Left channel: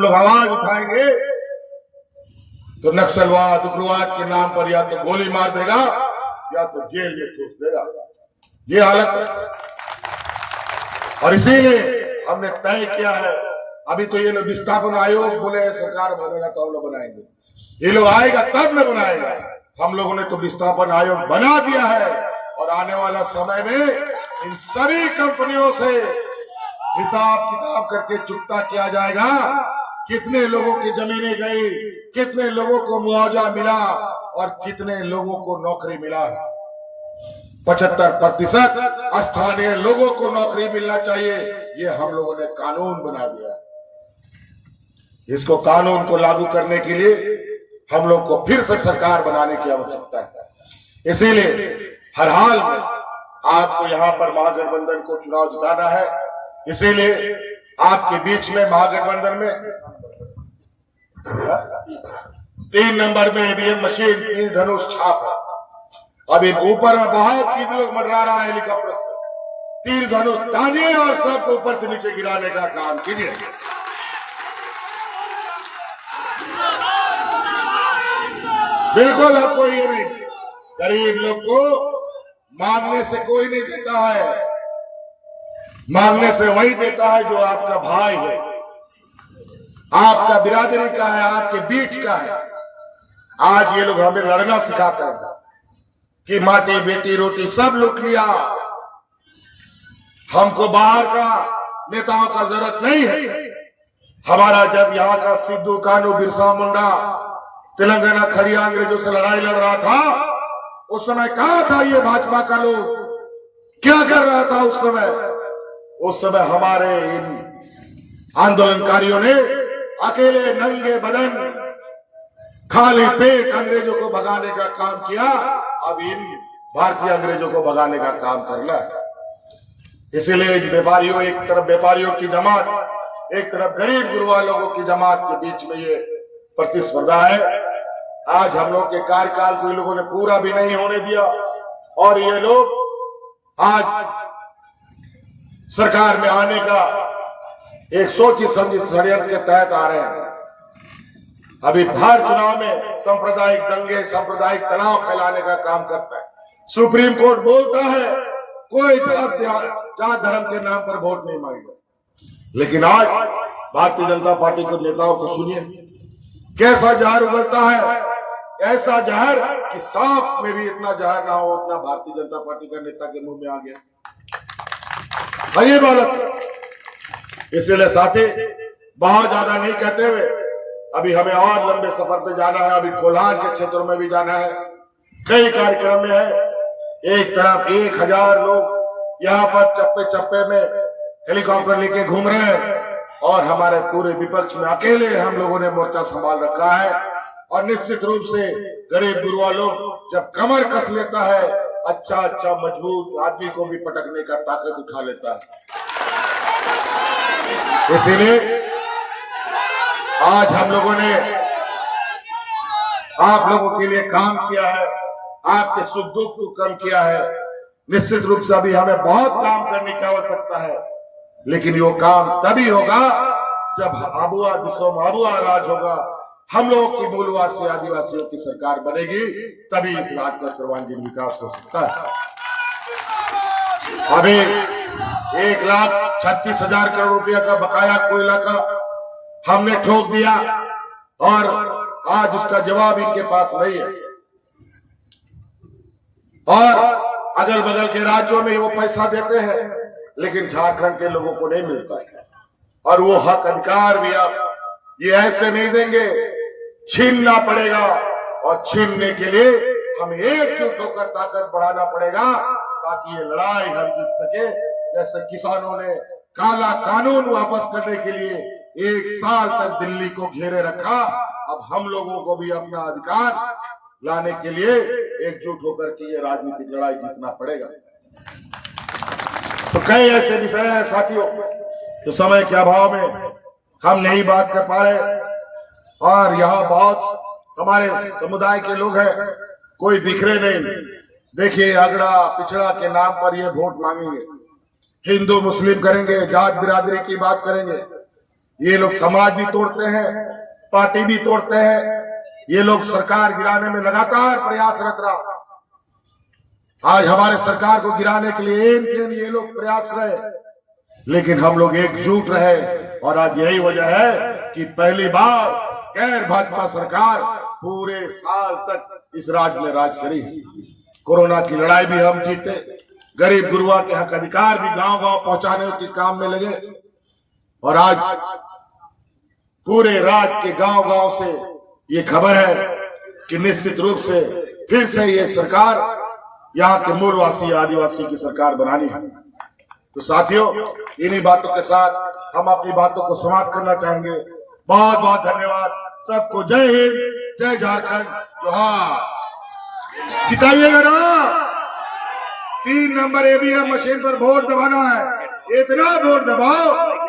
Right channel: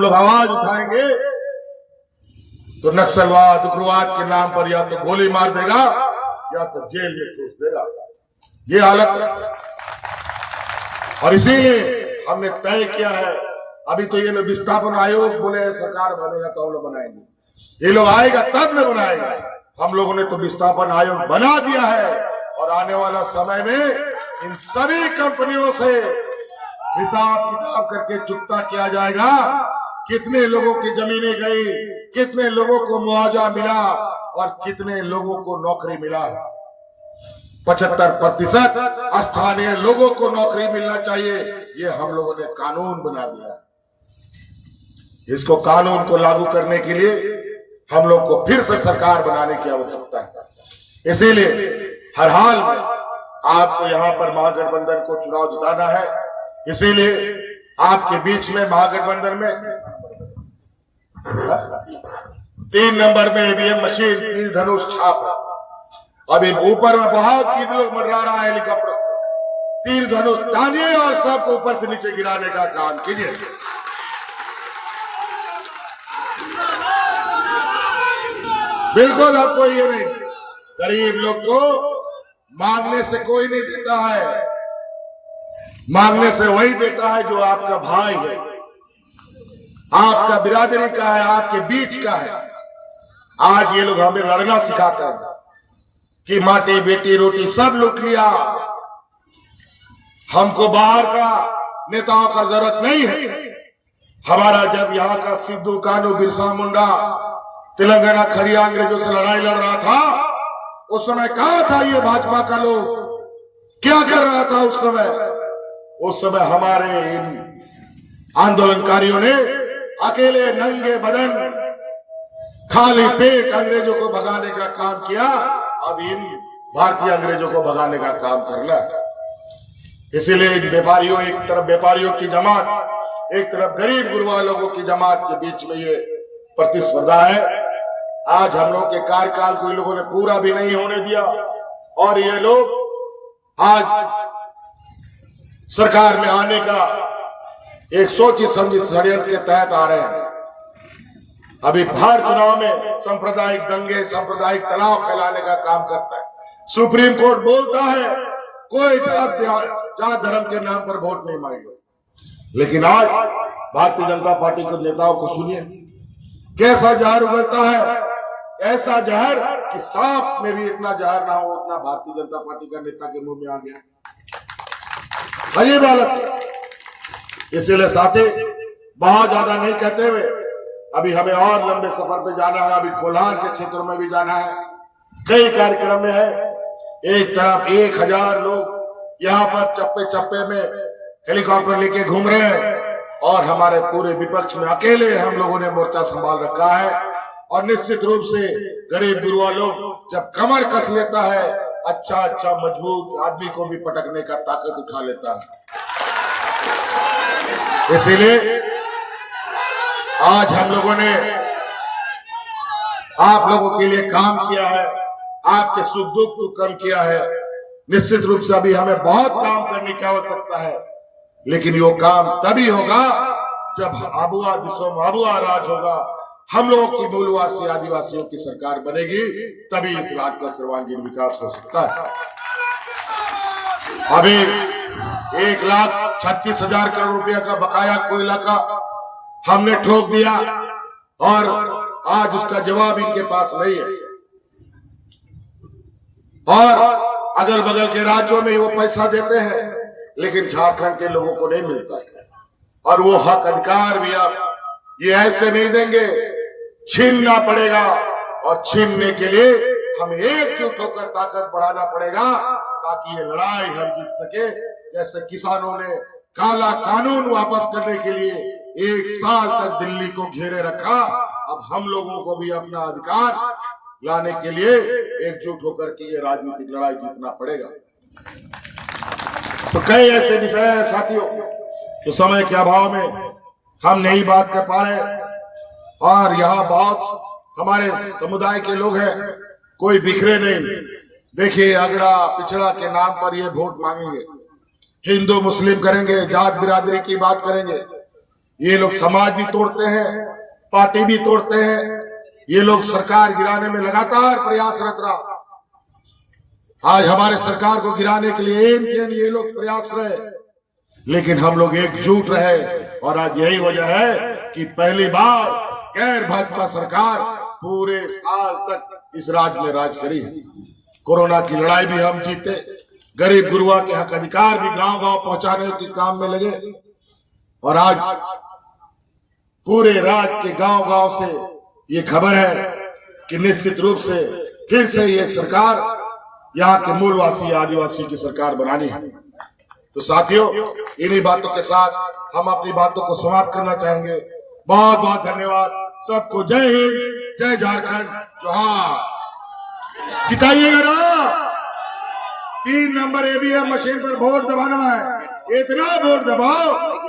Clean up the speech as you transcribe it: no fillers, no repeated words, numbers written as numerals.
हम लोग आवाज उठाएंगे तो नक्सलवाद उग्रवाद के नाम पर या तो गोली मार देगा या तो जेल में ठूस देगा। ये हालत है। और इसीलिए हमने तय किया है, अभी तो ये लोग विस्थापन आयोग बोले सरकार बनेगा तो हम लोग बनाएंगे, ये लोग आएगा तब में बनाएगा। हम लोगों ने तो विस्थापन आयोग बना दिया है और आने वाला समय में इन सभी कंपनियों से हिसाब किताब करके चुकता किया जाएगा, कितने लोगों की जमीनें गई, कितने लोगों को मुआवजा मिला और कितने लोगों को नौकरी मिला। 75% स्थानीय लोगों को नौकरी मिलना चाहिए, ये हम लोगों ने कानून बना दिया। इसको कानून को लागू करने के लिए हम लोग को फिर से सरकार बनाने की आवश्यकता है। इसीलिए हर हाल में आपको यहाँ पर महागठबंधन को चुनाव जिताना है। इसीलिए आपके बीच में महागठबंधन में 3 नंबर में ईवीएम मशीन, तीर धनुष छाप है। अभी ऊपर में बहुत तीन लोग मंडरा रहा है हेलीकॉप्टर से, तीर धनुष तानिए और सबको ऊपर से नीचे गिराने का काम कीजिए। बिल्कुल आपको ये नहीं, गरीब लोग को मांगने से कोई नहीं देता है, मांगने से वही देता है जो आपका भाई है, आपका बिरादरी का है, आपके बीच का है। आज ये लोग हमें लड़ना सिखाता है कि माटी बेटी रोटी सब लूट लिया, हमको बाहर का नेताओं का जरूरत नहीं है। हमारा जब यहाँ का सिद्धू कानू बिरसा मुंडा तेलंगाना खड़िया अंग्रेजों से लड़ाई लड़ रहा था, उस समय कहा था ये भाजपा का लोग क्या कर रहा था उस समय हमारे इन आंदोलनकारियों ने अकेले नंगे बदन खाली पेट अंग्रेजों को भगाने का काम किया। अब इन भारतीय अंग्रेजों को भगाने का काम करना है। इसीलिए व्यापारियों, एक तरफ व्यापारियों की जमात, एक तरफ गरीब गुरबा लोगों की जमात के बीच में ये प्रतिस्पर्धा है। आज हम लोग के कार्यकाल को इन लोगों ने पूरा भी नहीं होने दिया और ये लोग आज सरकार में आने का एक सोची समझी षड्यंत्र के तहत आ रहे हैं। अभी हर चुनाव में सांप्रदायिक दंगे, सांप्रदायिक तनाव फैलाने का काम करता है। सुप्रीम कोर्ट बोलता है कोई जात धर्म के नाम पर वोट नहीं मांगेगा, लेकिन आज भारतीय जनता पार्टी के नेताओं को सुनिए कैसा जहर उगलता है, ऐसा जहर कि सांप में भी इतना जहर ना हो उतना भारतीय जनता पार्टी का नेता के मुंह में आ गया। अजीब हालत। इसलिए साथी बहुत ज्यादा नहीं कहते हुए अभी हमें और लंबे सफर पे जाना है। अभी कोल्हान के क्षेत्रों में भी जाना है, कई कार्यक्रम में है। एक तरफ 1000 लोग यहाँ पर चप्पे चप्पे में हेलीकॉप्टर लेके घूम रहे हैं और हमारे पूरे विपक्ष में अकेले हम लोगों ने मोर्चा संभाल रखा है। और निश्चित रूप से गरीब गुरुआ लोग जब कमर कस लेता है, अच्छा मजबूत आदमी को भी पटकने का ताकत उठा लेता है। इसीलिए आज हम लोगों ने आप लोगों के लिए काम किया है, आपके सुख दुख को कम किया है। निश्चित रूप से अभी हमें बहुत काम करने की आवश्यकता है, लेकिन वो काम तभी होगा जब आबुआ दिशो आबुआ राज होगा, हम लोगों की मूलवासी आदिवासियों की सरकार बनेगी, तभी इस राज्य का सर्वांगीण विकास हो सकता है। अभी 1,36,000 करोड़ रुपया का बकाया कोयला का हमने ठोक दिया और आज उसका जवाब इनके पास नहीं है। और अगल बगल के राज्यों में वो पैसा देते हैं, लेकिन झारखंड के लोगों को नहीं मिलता है। और वो हक अधिकार भी आप ये ऐसे नहीं देंगे, छीनना पड़ेगा। और छीनने के लिए हमें एकजुट होकर ताकत बढ़ाना पड़ेगा ताकि ये लड़ाई हम जीत सके। जैसे किसानों ने काला कानून वापस करने के लिए 1 साल तक दिल्ली को घेरे रखा, अब हम लोगों को भी अपना अधिकार लाने के लिए एकजुट होकर के ये राजनीतिक लड़ाई जीतना पड़ेगा। तो कई ऐसे विषय हैं साथियों, तो समय के अभाव में हम नहीं बात कर पा रहे। और यहाँ बहुत हमारे समुदाय के लोग हैं, कोई बिखरे नहीं। देखिए अगड़ा पिछड़ा के नाम पर ये वोट मांगेंगे, हिंदू मुस्लिम करेंगे, जात बिरादरी की बात करेंगे। ये लोग समाज भी तोड़ते हैं, पार्टी भी तोड़ते हैं। ये लोग सरकार गिराने में लगातार प्रयासरत रहा। आज हमारे सरकार को गिराने के लिए ये लोग प्रयास रहे, लेकिन हम लोग एकजुट रहे। और आज यही वजह है कि पहली बार गैर भाजपा सरकार पूरे साल तक इस राज्य में राज करी है। कोरोना की लड़ाई भी हम जीते, गरीब गुरुआ के हक अधिकार भी गांव गांव पहुंचाने के काम में लगे। और आज पूरे राज्य के गांव गांव से ये खबर है कि निश्चित रूप से फिर से ये सरकार यहाँ के मूलवासी आदिवासी की सरकार बनानी है। तो साथियों, इन्हीं बातों के साथ हम अपनी बातों को समाप्त करना चाहेंगे। बहुत बहुत धन्यवाद सबको। जय हिंद, जय झारखंड, जोहार। जिताइएगा ना। 3 नंबर ईवीएम मशीन पर वोट दबाना है। इतना वोट दबाओ